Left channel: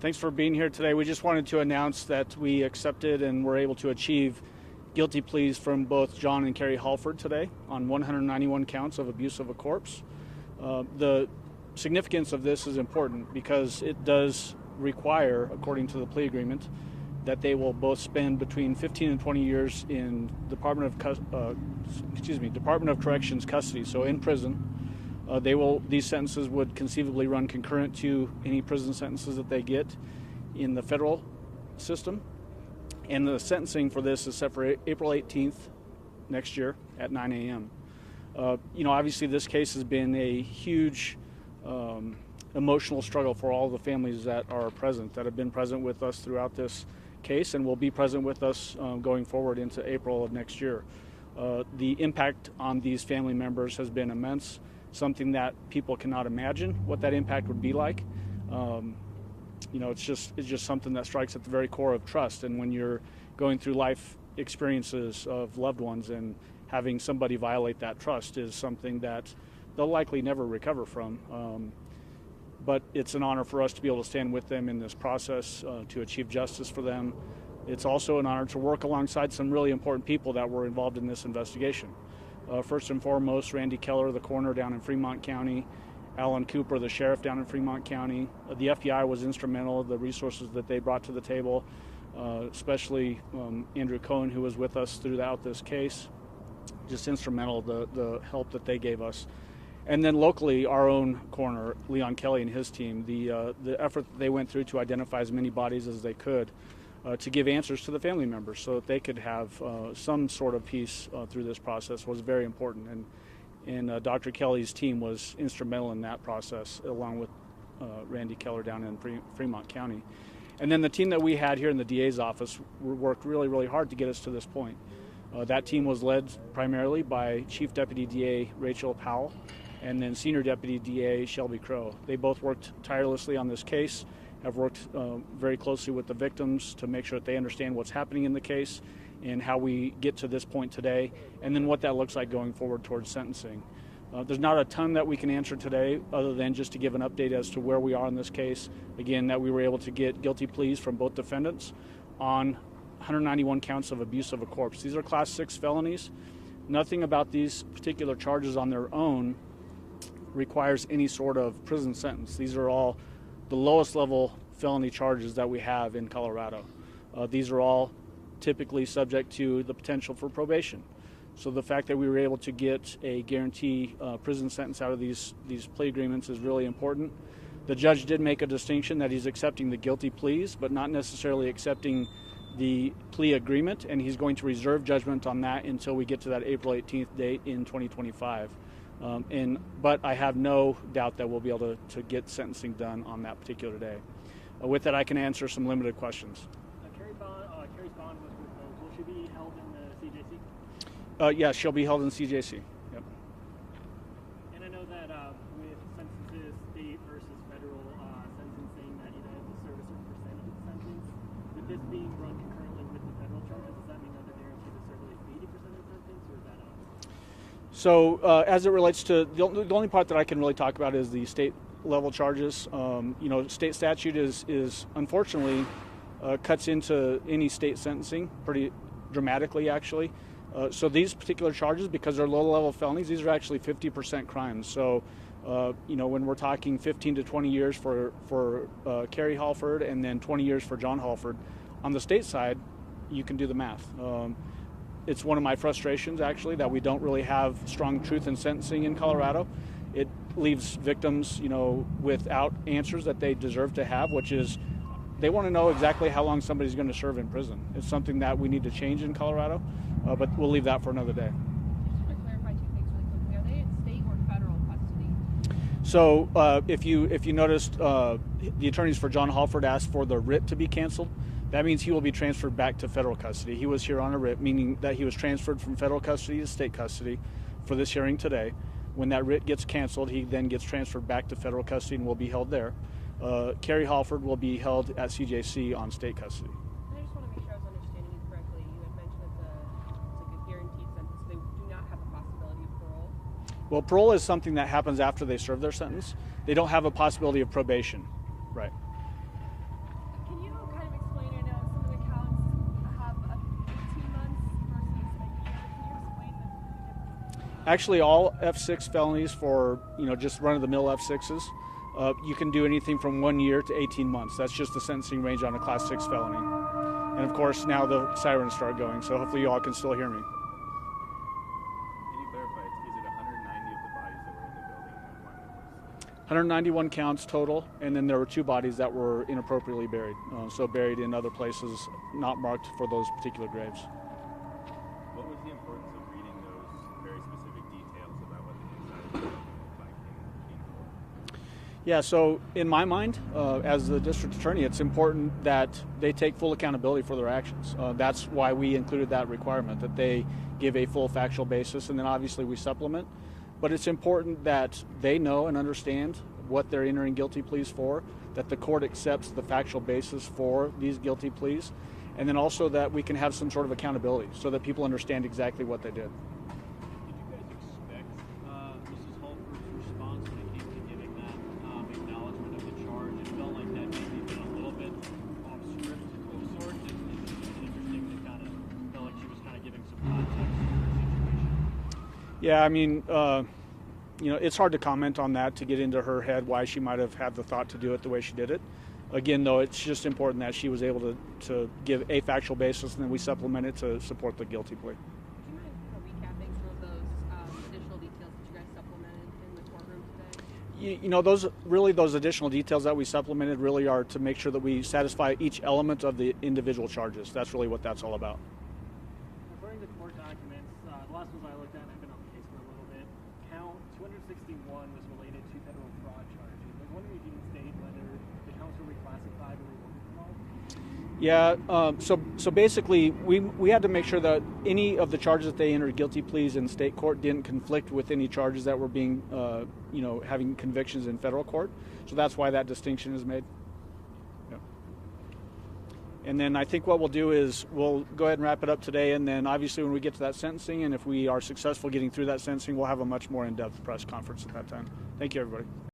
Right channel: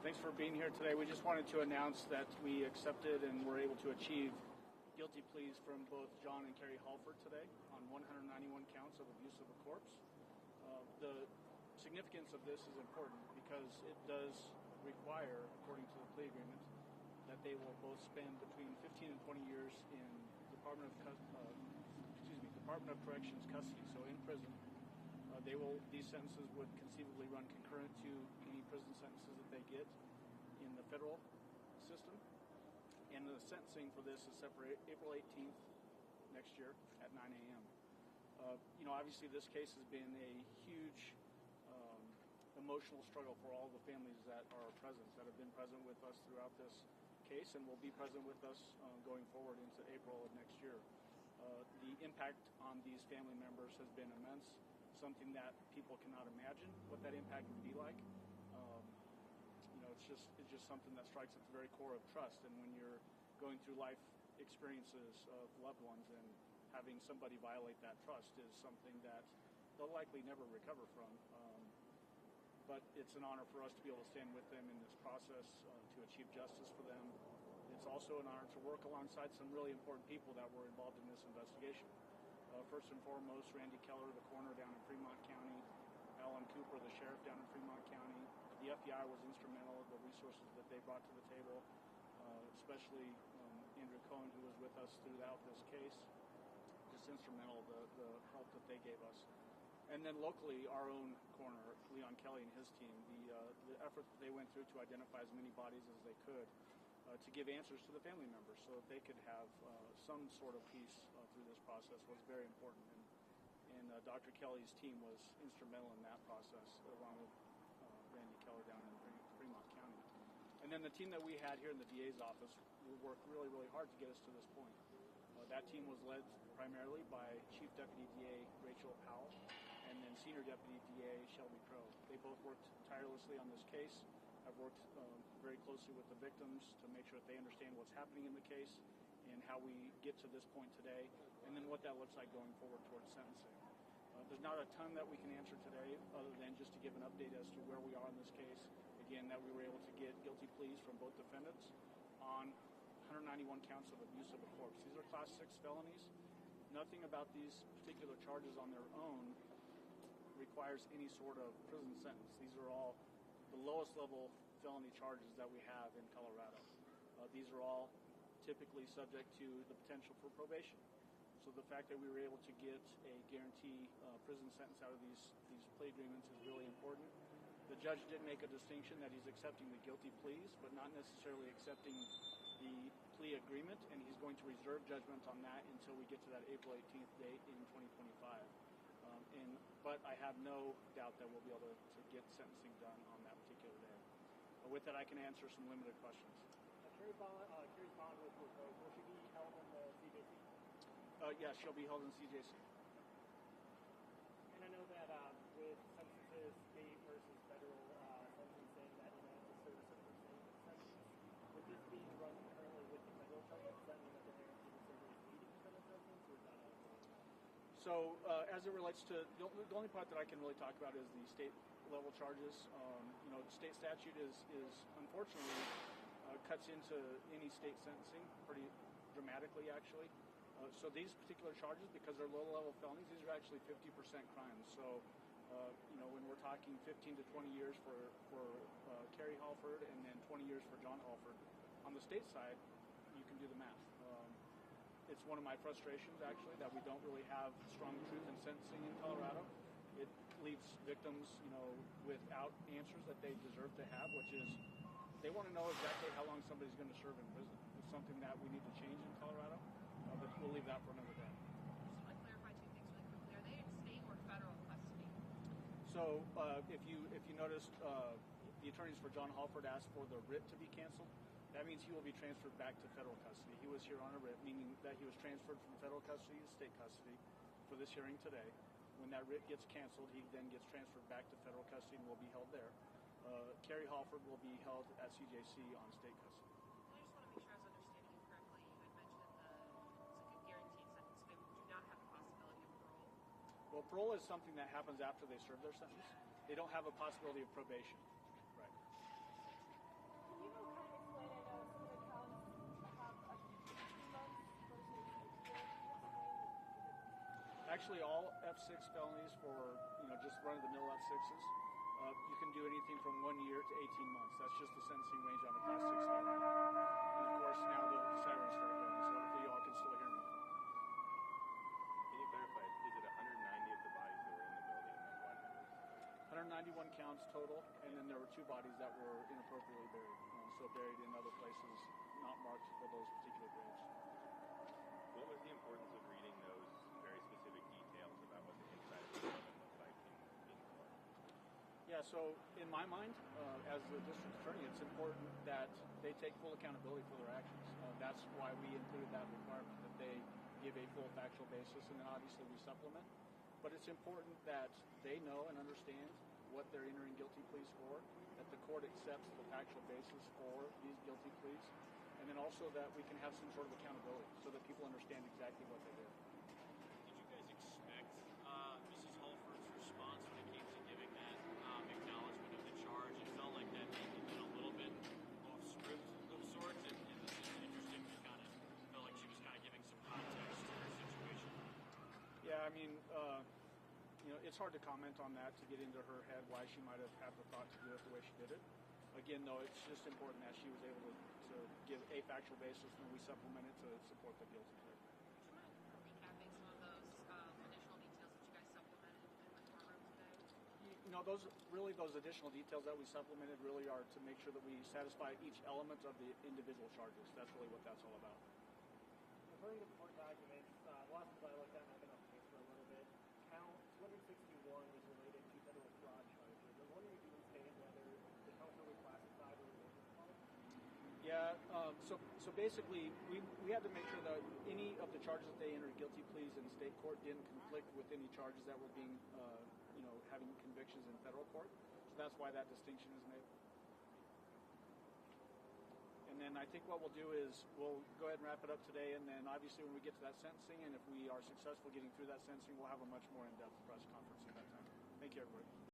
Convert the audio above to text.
Thanks for being here today. We just wanted to announce that we accepted and were able to achieve guilty pleas from both John and Carrie Hallford today on 191 counts of abuse of a corpse. The significance of this is important because it does require, according to the plea agreement, that they will both spend between 15 and 20 years in Department of Corrections custody, so in prison. These sentences would conceivably run concurrent to any prison sentences that they get in the federal system. And the sentencing for this is set for April 18th next year at 9 a.m. Obviously this case has been a huge emotional struggle for all the families that are present, that have been present with us throughout this case and will be present with us going forward into April of next year. The impact on these family members has been immense, something that people cannot imagine what that impact would be like. It's just something that strikes at the very core of trust. And when you're going through life experiences of loved ones and having somebody violate that trust is something that they'll likely never recover from. But it's an honor for us to be able to stand with them in this process to achieve justice for them. It's also an honor to work alongside some really important people that were involved in this investigation. First and foremost, Randy Keller, the coroner down in Fremont County, Alan Cooper, the sheriff down in Fremont County. The FBI was instrumental, the resources that they brought to the table, especially Andrew Cohen, who was with us throughout this case. Just instrumental, the help that they gave us. And then locally, our own coroner, Leon Kelly, and his team, the effort that they went through to identify as many bodies as they could, to give answers to the family members so that they could have some sort of peace through this process was very important. And Dr. Kelly's team was instrumental in that process, along with Randy Keller down in Fremont County. And then the team that we had here in the DA's office worked really, really hard to get us to this point. That team was led primarily by Chief Deputy DA Rachel Powell and then Senior Deputy DA Shelby Crow. They both worked tirelessly on this case, have worked very closely with the victims to make sure that they understand what's happening in the case and how we get to this point today, and then what that looks like going forward towards sentencing. There's not a ton that we can answer today other than just to give an update as to where we are in this case. Again, that we were able to get guilty pleas from both defendants on 191 counts of abuse of a corpse. These are Class 6 felonies. Nothing about these particular charges on their own requires any sort of prison sentence. These are all the lowest level felony charges that we have in Colorado. These are all typically subject to the potential for probation. So the fact that we were able to get a guarantee prison sentence out of these plea agreements is really important. The judge did make a distinction that he's accepting the guilty pleas, but not necessarily accepting the plea agreement, and he's going to reserve judgment on that until we get to that April 18th date in 2025. But I have no doubt that we'll be able to get sentencing done on that particular day. With that, I can answer some limited questions. Carrie's bond was proposed. Will she be held in the CJC? Yes, she'll be held in CJC. Yep. And I know that with sentences, state versus federal sentencing, that you have to serve a certain percentage of the sentence. With this being run concurrently with the federal charges, does that mean that they're guaranteed to serve at least 80% of the sentence, or is that So as it relates to, the only part that I can really talk about is the state level charges. State statute is unfortunately cuts into any state sentencing pretty dramatically, actually. So these particular charges, because they're low level felonies, these are actually 50% crimes. So when we're talking 15 to 20 years for Carrie Hallford and then 20 years for John Hallford, on the state side, you can do the math. It's one of my frustrations, actually, that we don't really have strong truth in sentencing in Colorado. It leaves victims, without answers that they deserve to have, which is they want to know exactly how long somebody's going to serve in prison. It's something that we need to change in Colorado, but we'll leave that for another day. Just to clarify two things really quickly, are they in state or federal custody? So if you noticed, the attorneys for John Hallford asked for the writ to be canceled. That means he will be transferred back to federal custody. He was here on a writ, meaning that he was transferred from federal custody to state custody for this hearing today. When that writ gets canceled, he then gets transferred back to federal custody and will be held there. Carrie Hallford will be held at CJC on state custody. I just want to make sure I was understanding you correctly. You had mentioned that it's like a guaranteed sentence. They do not have a possibility of parole? Well, parole is something that happens after they serve their sentence. They don't have a possibility of probation. Right. Actually, all F6 felonies for just run-of-the-mill F6s, you can do anything from 1 year to 18 months. That's just the sentencing range on a Class 6 felony. And of course, now the sirens start going, so hopefully you all can still hear me. Can you clarify, is it 190 of the bodies that were in the building and one that was? 191 counts total, and then there were 2 bodies that were inappropriately buried, so buried in other places not marked for those particular graves. What was the importance of reading those very specific details about what the inside of the building looked like in court? Yeah, so in my mind, as the district attorney, it's important that they take full accountability for their actions. That's why we included that requirement, that they give a full factual basis, and then obviously we supplement. But it's important that they know and understand what they're entering guilty pleas for, that the court accepts the factual basis for these guilty pleas, and then also that we can have some sort of accountability so that people understand exactly what they did. Did you guys expect Mrs. Hallford's response when it came to giving that acknowledgement of the charge? It felt like that maybe been a little bit off script of sorts. It was interesting to kind of felt like she was kind of giving some context to her situation. Yeah, I mean, it's hard to comment on that, to get into her head why she might have had the thought to do it the way she did it. Again, though, it's just important that she was able to give a factual basis, and then we supplement it to support the guilty plea. Would you mind kind of recapping some of those additional details that you guys supplemented in the courtroom today? Those additional details that we supplemented really are to make sure that we satisfy each element of the individual charges. That's really what that's all about. According to court documents, the last ones I looked at, and I've been on the case for a little bit, count 261 was related to federal fraud charges. I was wondering if you can state whether the counts were reclassified or removed from all? Yeah, so basically we had to make sure that any of the charges that they entered guilty pleas in state court didn't conflict with any charges that were being, having convictions in federal court. So that's why that distinction is made. Yeah. And then I think what we'll do is we'll go ahead and wrap it up today, and then obviously when we get to that sentencing, and if we are successful getting through that sentencing, we'll have a much more in-depth press conference at that time. Thank you, everybody.